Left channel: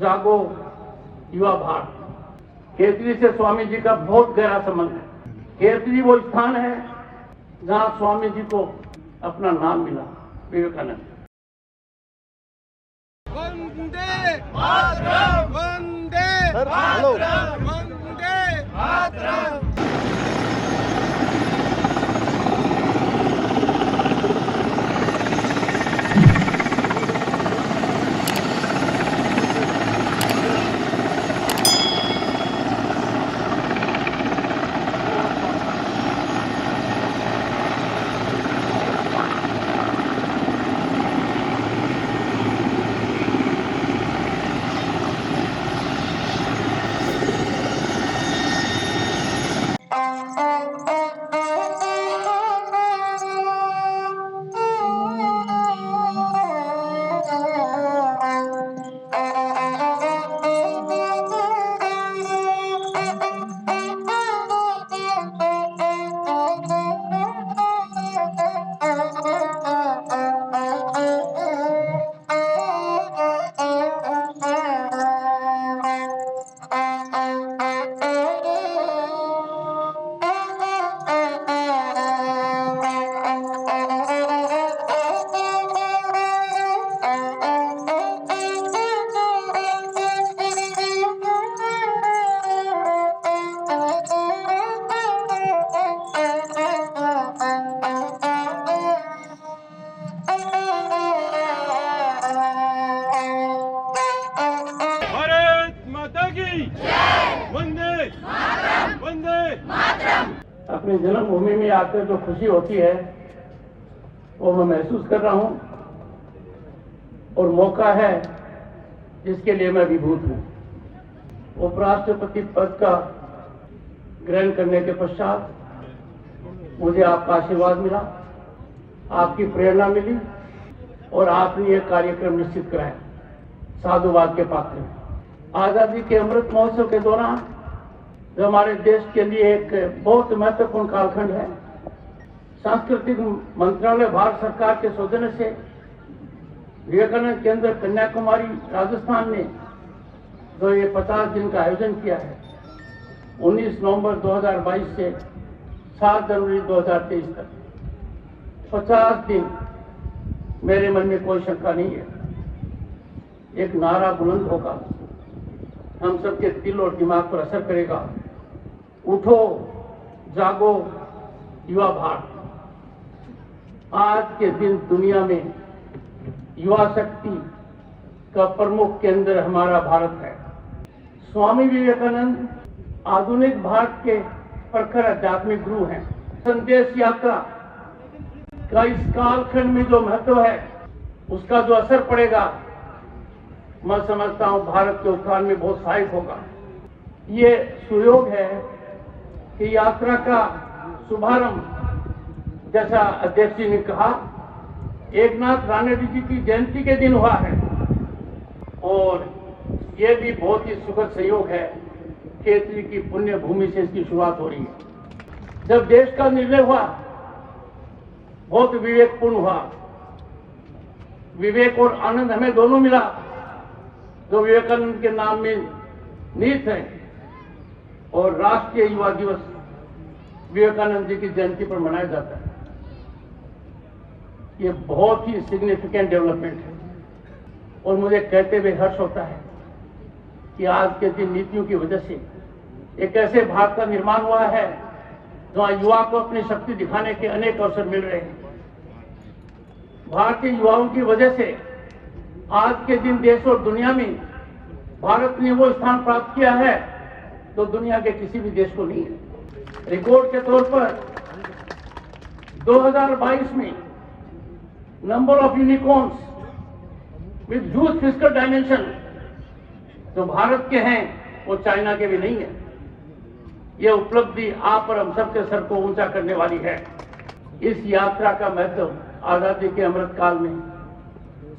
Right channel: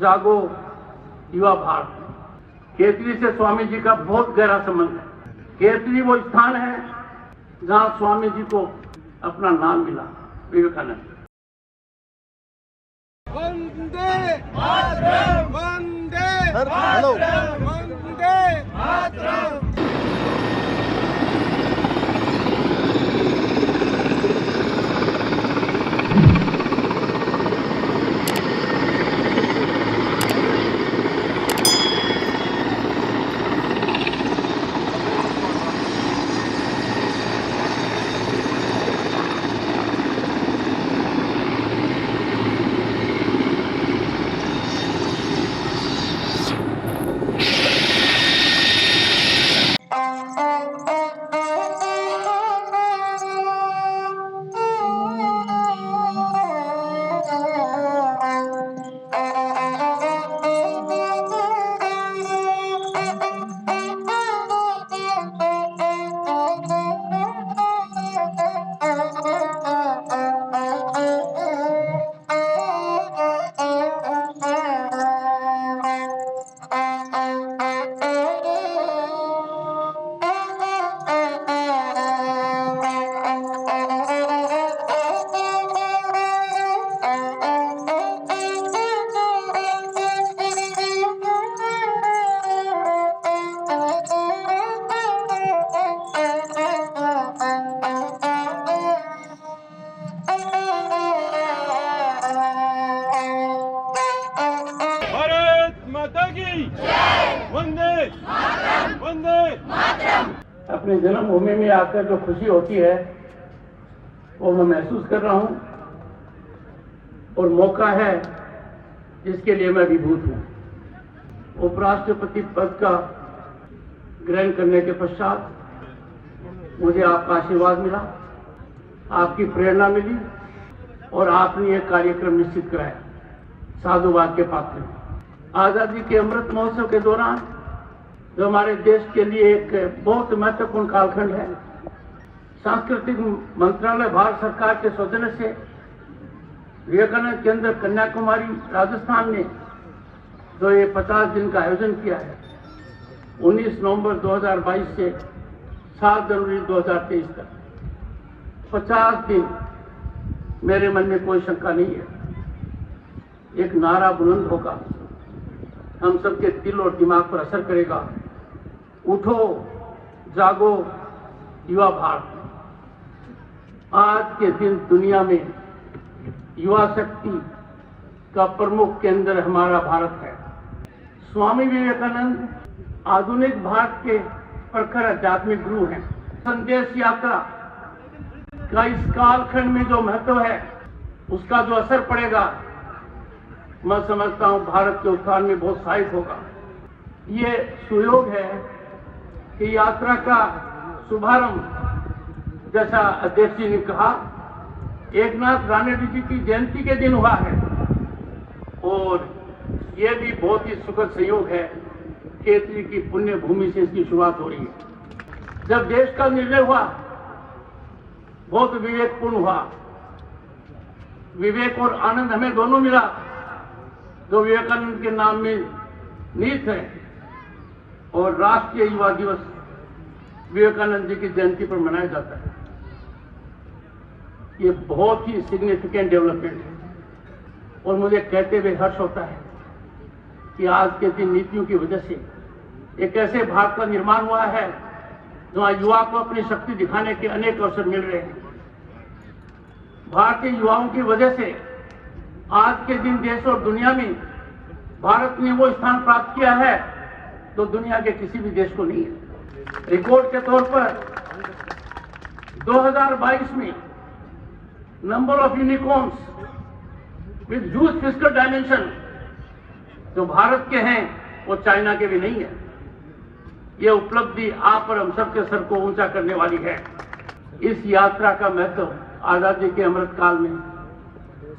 जागो युवा भारत। केतली से स्वामी जी का बहुत गहरा संबंध है। केतली वो स्थान है जहां स्वामी जी को अपना नाम मिला, विवेकानंद। वंदे मातरम, वंदे मातरम, वंदे मातरम। वंदे वंदे अपनी जन्मभूमि में आकर जो खुशी होती है वो मैं महसूस कर रहा हूं और मौका है जिसके लिए मैं विभूत हूं। उपराष्ट्रपति पद का ग्रहण करने के पश्चात मुझे आपका आशीर्वाद मिला, आपकी प्रेरणा मिली और आपने एक कार्यक्रम निश्चित कराया, साधुवाद के पात्र। आजादी के अमृत महोत्सव के दौरान जो हमारे देश के लिए एक बहुत महत्वपूर्ण कालखंड है, सांस्कृतिक मंत्रालय भारत सरकार के सौजन्य से विवेकानंद केंद्र कन्याकुमारी राजस्थान ने जो ये 50 दिन का आयोजन किया है, 19 नवंबर 2022 से 7 जनवरी 2023 तक 50 दिन, मेरे मन में कोई शंका नहीं है, एक नारा बुलंद होगा, हम सबके दिल और दिमाग पर असर करेगा। उठो जागो युवा भारत। आज के दिन दुनिया में युवा शक्ति का प्रमुख केंद्र हमारा भारत है। स्वामी विवेकानंद आधुनिक भारत के प्रखर आध्यात्मिक गुरु हैं। संदेश यात्रा का इस कालखंड में जो महत्व है, उसका जो असर पड़ेगा, मैं समझता हूं भारत के उत्थान में बहुत सहायक होगा। ये सुयोग है कि यात्रा का शुभारंभ, जैसा अध्यक्ष जी ने कहा, एकनाथ राणेडी जी की जयंती के दिन हुआ है और ये भी बहुत ही सुखद संयोग है। केतली की पुण्य भूमि से इसकी शुरुआत हो रही है। जब देश का निर्णय हुआ, बहुत विवेकपूर्ण हुआ। विवेक और आनंद हमें दोनों मिला, जो विवेकानंद के नाम में निहित है। और राष्ट्रीय युवा दिवस विवेकानंद जी की जयंती पर मनाया जाता है। ये बहुत ही सिग्निफिकेंट डेवलपमेंट है और मुझे कहते हुए हर्ष होता है कि आज के दिन नीतियों की वजह से एक ऐसे भारत का निर्माण हुआ है जहां युवा को अपनी शक्ति दिखाने के अनेक अवसर मिल रहे हैं। भारतीय युवाओं की वजह से आज के दिन देश और दुनिया में भारत ने वो स्थान प्राप्त किया है जो दुनिया के किसी भी देश को नहीं है। रिकॉर्ड के तौर पर 2022 में number of unicorns with huge fiscal dimension जो भारत के हैं वो चाइना के भी नहीं है। ये उपलब्धि आप और हम सबके सर को ऊंचा करने वाली है। इस यात्रा का महत्व आजादी के अमृत काल में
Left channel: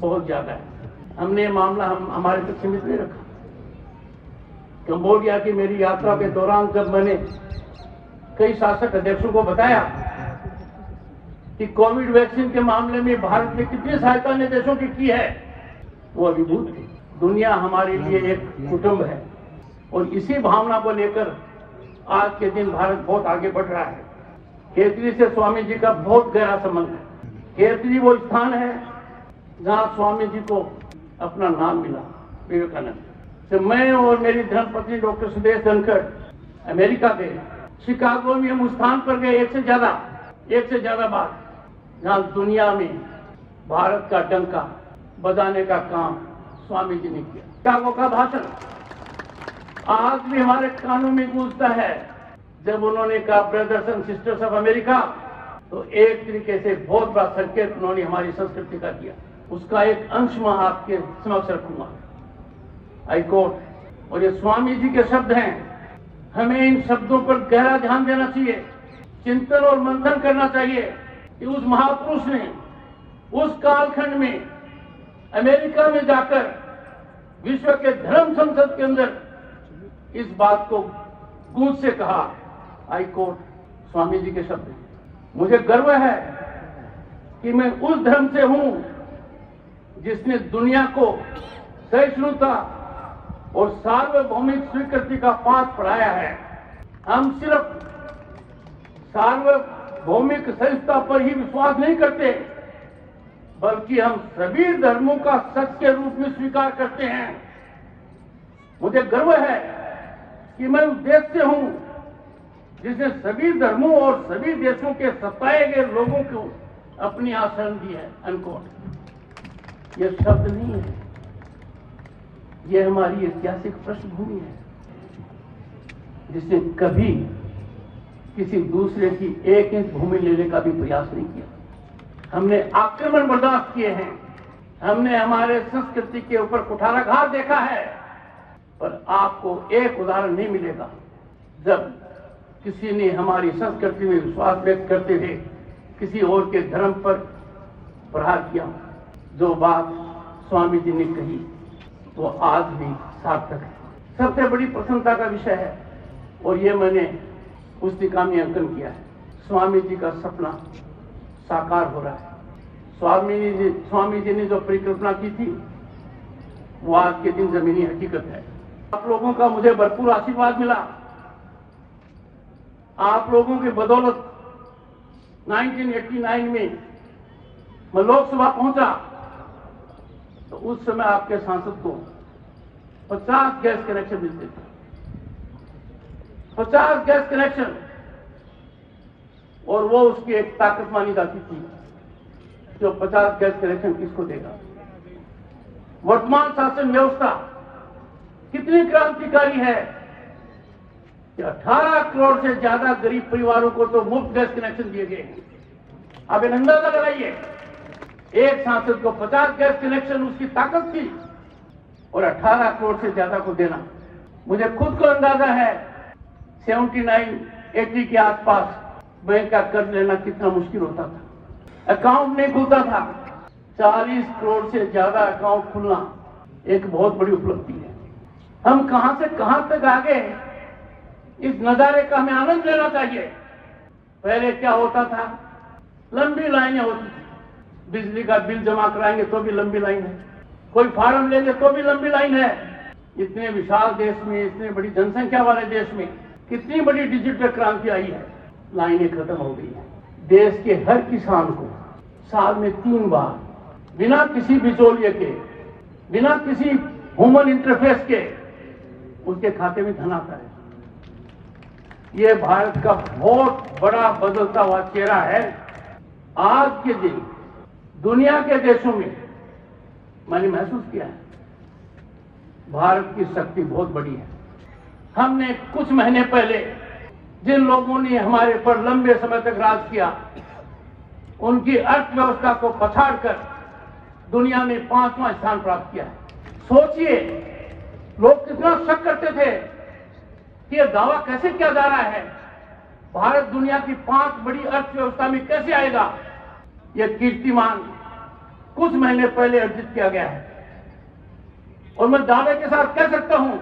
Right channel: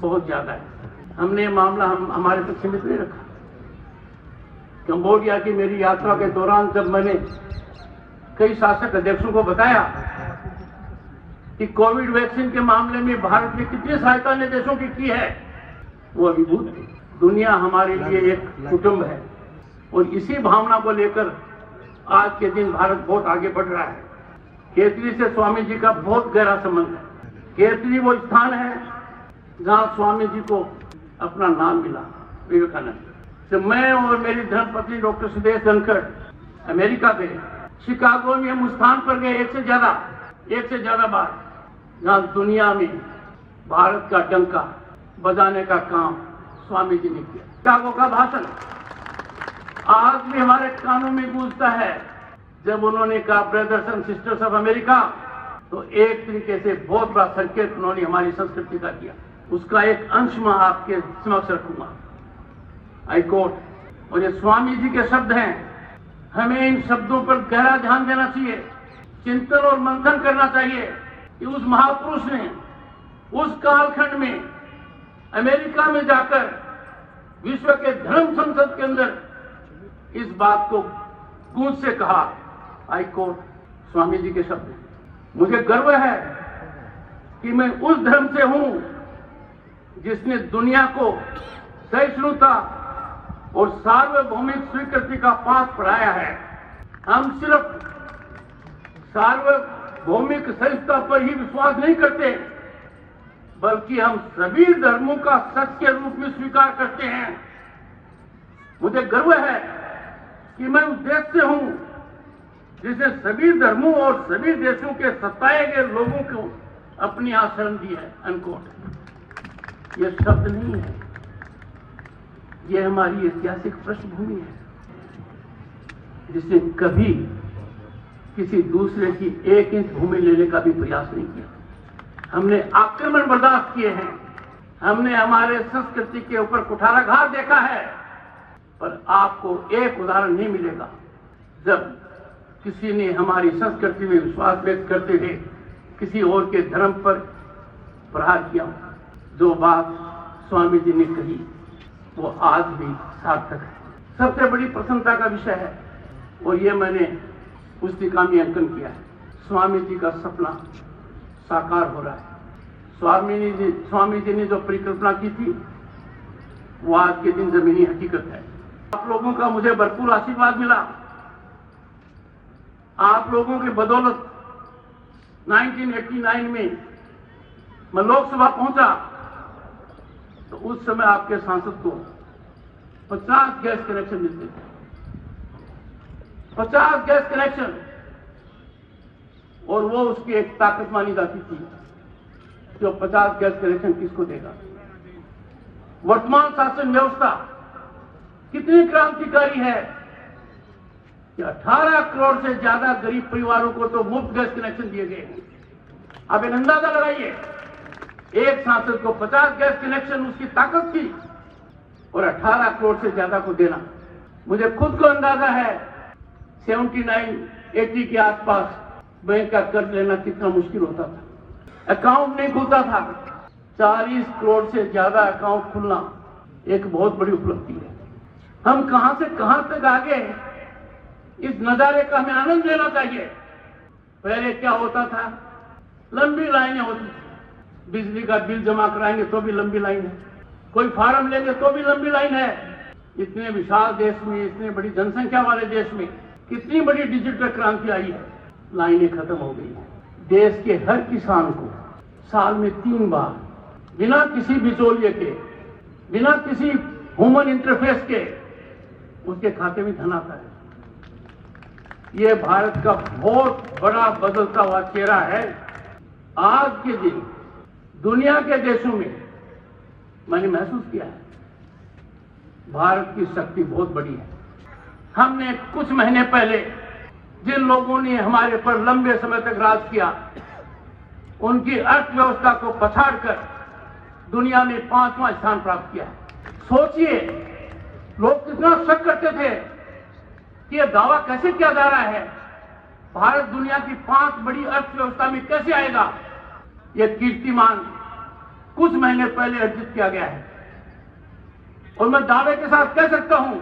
बहुत ज्यादा है। हमने मामला हमारे तक सीमित नहीं रखा। कंबोडिया की मेरी यात्रा के दौरान जब मैंने कई शासक अध्यक्षों को बताया कि कोविड वैक्सीन के मामले में भारत ने कितनी सहायता ने देशों की है, वो अभिभूत थे। दुनिया हमारे लिए एक कुटुंब है और इसी भावना को लेकर आज के दिन भारत बहुत आगे बढ़ रहा है। खेतड़ी से स्वामी जी का बहुत गहरा संबंध है। खेतड़ी वो स्थान है जहां स्वामी जी को अपना नाम मिला, विवेकानंद। तो मैं और मेरी धर्मपत्नी डॉक्टर सुदेश धनखड़ अमेरिका गए, शिकागो में हम उस स्थान पर गए एक से ज्यादा बार, जहां दुनिया में भारत का डंका बजाने का काम स्वामी जी ने किया। शिकागो का भाषण आज भी हमारे कानों में गूंजता है। जब उन्होंने कहा brothers and sisters of America, तो एक तरीके से बहुत बड़ा संकेत उन्होंने हमारी संस्कृति का किया। उसका एक अंश मैं आपके समक्ष रखूंगा। आई कोट, और ये स्वामी जी के शब्द हैं। हमें इन शब्दों पर गहरा ध्यान देना चाहिए, चिंतन और मंथन करना चाहिए कि उस महापुरुष ने उस कालखंड में अमेरिका में जाकर विश्व के धर्म संसद के अंदर इस बात को गूंज से कहा। आई कोट स्वामी जी के शब्द। मुझे गर्व है कि मैं उस धर्म से हूं जिसने दुनिया को सहिष्णुता और सार्वभौमिक स्वीकृति का पाठ पढ़ाया है। हम सिर्फ सार्वभौमिक सहिष्णुता पर ही विश्वास नहीं करते, बल्कि हम सभी धर्मों का सच के रूप में स्वीकार करते हैं। मुझे गर्व है कि मैं उस देश से हूं जिसने सभी धर्मों और सभी देशों के सताए गए लोगों को अपनी आश्रम दी है। अनकोट। यह शब्द नहीं है, यह हमारी ऐतिहासिक पृष्ठभूमि है जिसने कभी किसी दूसरे की एक इंच भूमि लेने का भी प्रयास नहीं किया। हमने आक्रमण बर्दाश्त किए हैं, हमने हमारे संस्कृति के ऊपर कुठाराघात देखा है, पर आपको एक उदाहरण नहीं मिलेगा जब किसी ने हमारी संस्कृति में विश्वास व्यक्त करते हुए किसी और के धर्म पर प्रहार किया। जो बात स्वामी जी ने कही वो आज भी सार्थक है, सबसे बड़ी प्रसन्नता का विषय है। और ये मैंने पुस्तिका में अंकन किया है। स्वामी जी का सपना साकार हो रहा है। स्वामी जी ने जो परिकल्पना की थी वो आज के दिन जमीनी हकीकत है। आप लोगों का मुझे भरपूर आशीर्वाद मिला। आप लोगों की बदौलत 1989 में मैं लोकसभा पहुंचा तो उस समय आपके सांसद को 50 गैस कनेक्शन मिलते थे। 50 गैस कनेक्शन, और वो उसकी एक ताकत मानी जाती थी। जो 50 गैस कनेक्शन किसको देगा? वर्तमान शासन व्यवस्था कितनी क्रांतिकारी है कि 18 करोड़ से ज्यादा गरीब परिवारों को तो मुफ्त गैस कनेक्शन दिए गए। आप एक अंदाजा लगाइए, एक सांसद को 50 गैस कनेक्शन उसकी ताकत थी और 18 करोड़ से ज्यादा को देना। मुझे खुद को अंदाजा है 79-80 के आसपास बैंक का कर्ज लेना कितना मुश्किल होता था। अकाउंट नहीं खुलता था। 40 करोड़ से ज्यादा अकाउंट खुलना एक बहुत बड़ी उपलब्धि है। हम कहां से कहां तक आ गए, इस नजारे का हमें आनंद लेना चाहिए। पहले क्या होता था, लंबी लाइनें होती थी। बिजली का बिल जमा कराएंगे तो भी लंबी लाइन है, कोई फार्म लेंगे तो भी लंबी लाइन है। इतने विशाल देश में, इतने बड़ी जनसंख्या वाले देश में कितनी बड़ी डिजिटल क्रांति आई है, लाइनें खत्म हो गई है। देश के हर किसान को साल में 3 बार बिना किसी बिचौलिए के, बिना किसी ह्यूमन इंटरफेस के उसके खाते में धन आता है। यह भारत का बहुत बड़ा बदलता हुआ चेहरा है। आज के दिन दुनिया के देशों में मैंने महसूस किया है भारत की शक्ति बहुत बड़ी है। हमने कुछ महीने पहले जिन लोगों ने हमारे पर लंबे समय तक राज किया, उनकी अर्थव्यवस्था को पछाड़कर दुनिया में 5वां स्थान प्राप्त किया। सोचिए, लोग कितना शक करते थे कि यह दावा कैसे किया जा रहा है, भारत दुनिया की 5 बड़ी अर्थव्यवस्था में कैसे आएगा। यह कीर्तिमान कुछ महीने पहले अर्जित किया गया है और मैं दावे के साथ कह सकता हूं,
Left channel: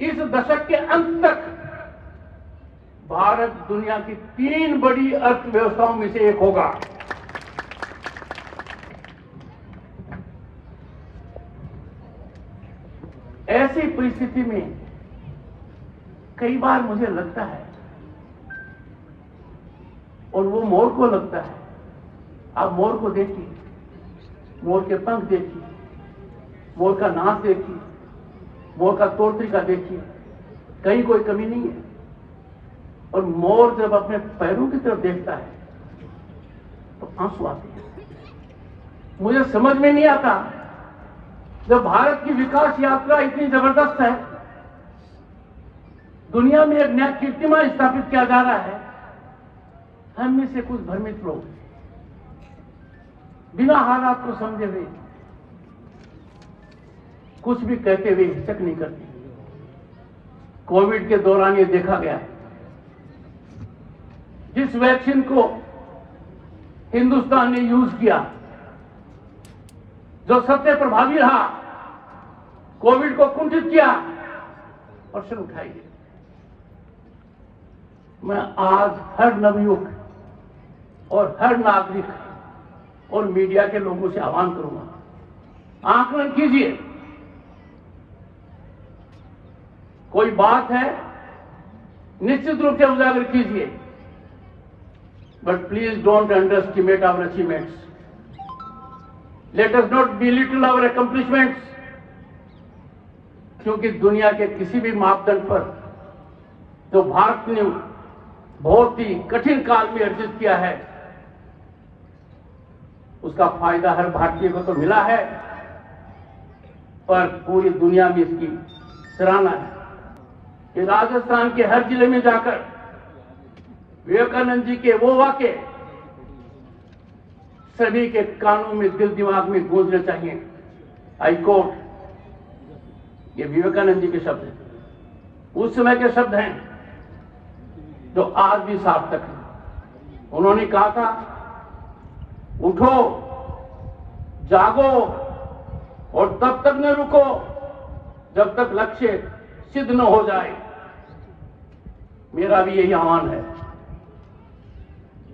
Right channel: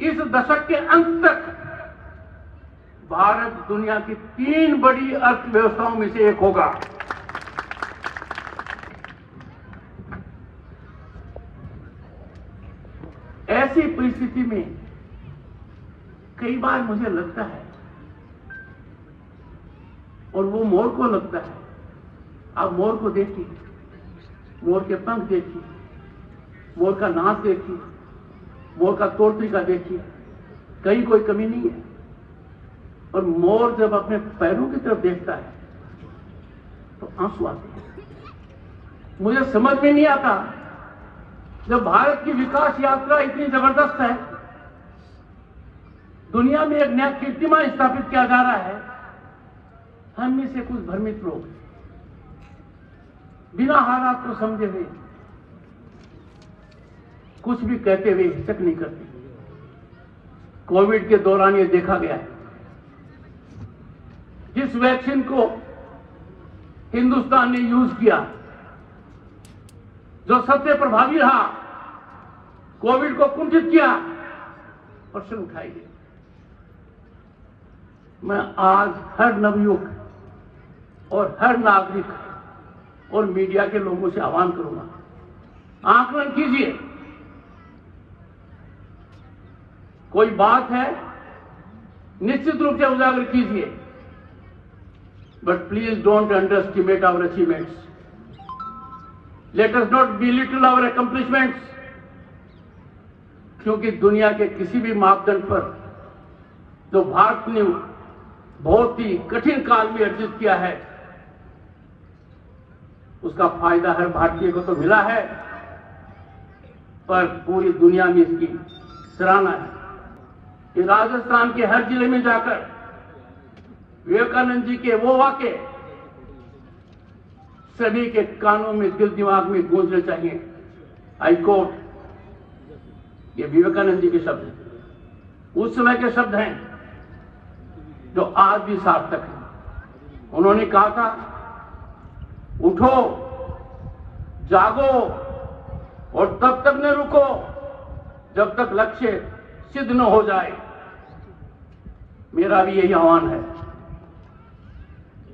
इस दशक के अंत तक भारत दुनिया की 3 बड़ी अर्थव्यवस्थाओं में से एक होगा। परिस्थिति में कई बार मुझे लगता है, और वो मोर को लगता है। आप मोर को देखिए, मोर के पंख देखिए, मोर का नाक देखिए, मोर का तौर तरीका देखिए, कहीं कोई कमी नहीं है। और मोर जब अपने पैरों की तरफ देखता है तो आंसू आते हैं। मुझे समझ में नहीं आता, जब भारत की विकास यात्रा इतनी जबरदस्त है, दुनिया में एक नया कीर्तिमान स्थापित किया जा रहा है, हम में से कुछ भ्रमित लोग बिना हालात को समझे हुए कुछ भी कहते हुए हिचक नहीं करते। कोविड के दौरान ये देखा गया, जिस वैक्सीन को हिंदुस्तान ने यूज किया, जो सबसे प्रभावी रहा, कोविड को कुंठित किया, प्रश्न उठाई गई। मैं आज हर नवयुवक और हर नागरिक और मीडिया के लोगों से आह्वान करूंगा, आकलन कीजिए। कोई बात है निश्चित रूप से उजागर कीजिए, but please don't underestimate our achievements. Let us not belittle our accomplishments, क्योंकि दुनिया के किसी भी मापदंड पर जो भारत ने बहुत ही कठिन काल में अर्जित किया है, उसका फायदा हर भारतीय को तो मिला है, पर पूरी दुनिया में इसकी सराहना है। कि राजस्थान के हर जिले में जाकर विवेकानंद जी के वो वाक्य सभी के कानों में, दिल दिमाग में गूंजने चाहिए। आई कोट, ये विवेकानंद जी के शब्द हैं, उस समय के शब्द हैं जो आज भी सार्थक हैं। उन्होंने कहा था, उठो, जागो और तब तक न रुको जब तक लक्ष्य सिद्ध न हो जाए। मेरा भी यही आह्वान है।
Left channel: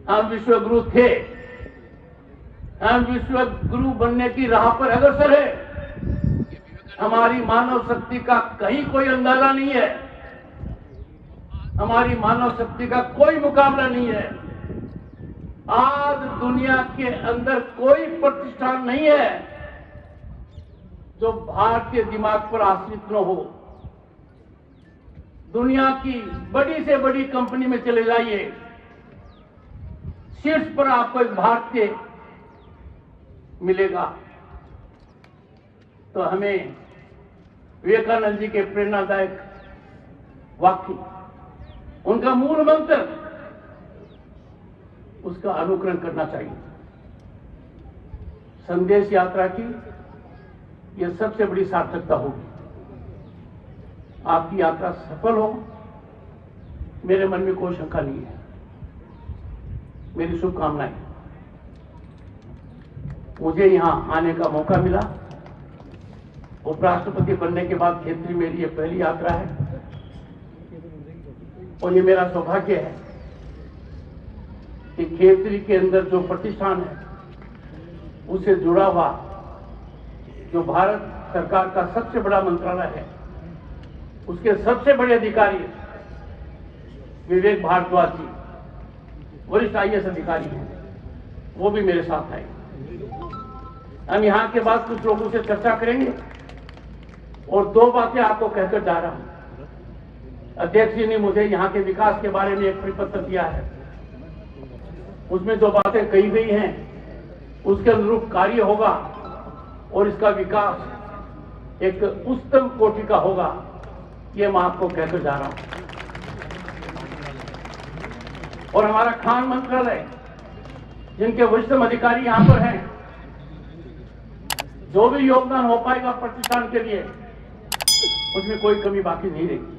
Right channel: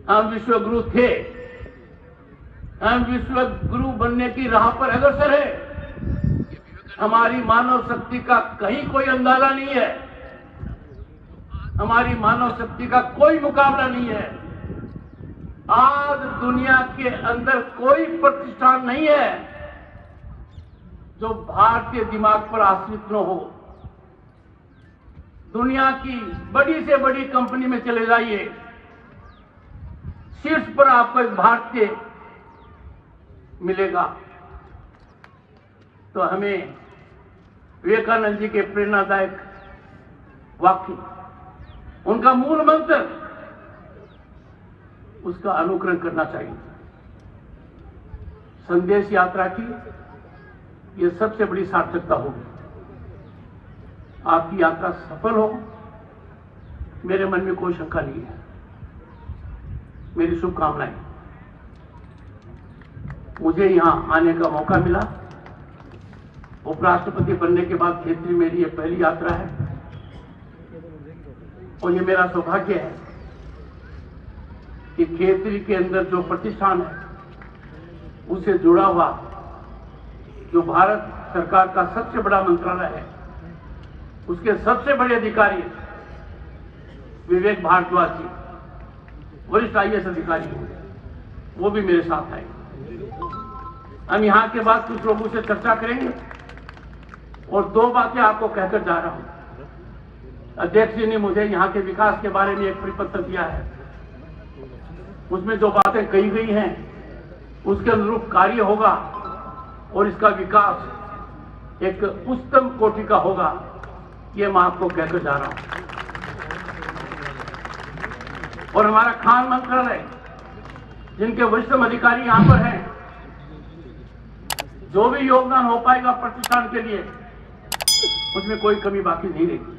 हम विश्व गुरु थे, हम विश्व गुरु बनने की राह पर अग्रसर है। हमारी मानव शक्ति का कहीं कोई अंदाजा नहीं है, हमारी मानव शक्ति का कोई मुकाबला नहीं है। आज दुनिया के अंदर कोई प्रतिष्ठान नहीं है जो भारतीय दिमाग पर आश्रित न हो। दुनिया की बड़ी से बड़ी कंपनी में चले जाइए, शीर्ष पर आपको एक भारतीय मिलेगा। तो हमें विवेकानंद जी के प्रेरणादायक वाक्य, उनका मूल मंत्र, उसका अनुकरण करना चाहिए। संदेश यात्रा की यह सबसे बड़ी सार्थकता होगी। आपकी यात्रा सफल हो, मेरे मन में कोई शंका नहीं है। मेरी शुभकामनाएं। मुझे यहां आने का मौका मिला, उपराष्ट्रपति बनने के बाद खेतरी मेरी ये पहली यात्रा है, और ये मेरा सौभाग्य है कि खेतरी के अंदर जो प्रतिष्ठान है उससे जुड़ा हुआ जो भारत सरकार का सबसे बड़ा मंत्रालय है, उसके सबसे बड़े अधिकारी विवेक भारद्वाज जी, वरिष्ठ IAS अधिकारी हैं, वो भी मेरे साथ आए। हम यहाँ के बाद कुछ लोगों से चर्चा करेंगे और दो बातें आपको कहकर जा रहा हूं। अध्यक्ष जी ने मुझे यहाँ के विकास के बारे में एक परिपत्र दिया है, उसमें जो बातें कही गई हैं उसके अनुरूप कार्य होगा और इसका विकास एक उच्चतम कोटि का होगा, ये मैं आपको कहकर जा रहा हूं। और हमारा खान मंत्रालय, जिनके वरिष्ठतम अधिकारी यहां पर हैं, जो भी योगदान हो पाएगा प्रतिष्ठान के लिए, उसमें कोई कमी बाकी नहीं रहेगी।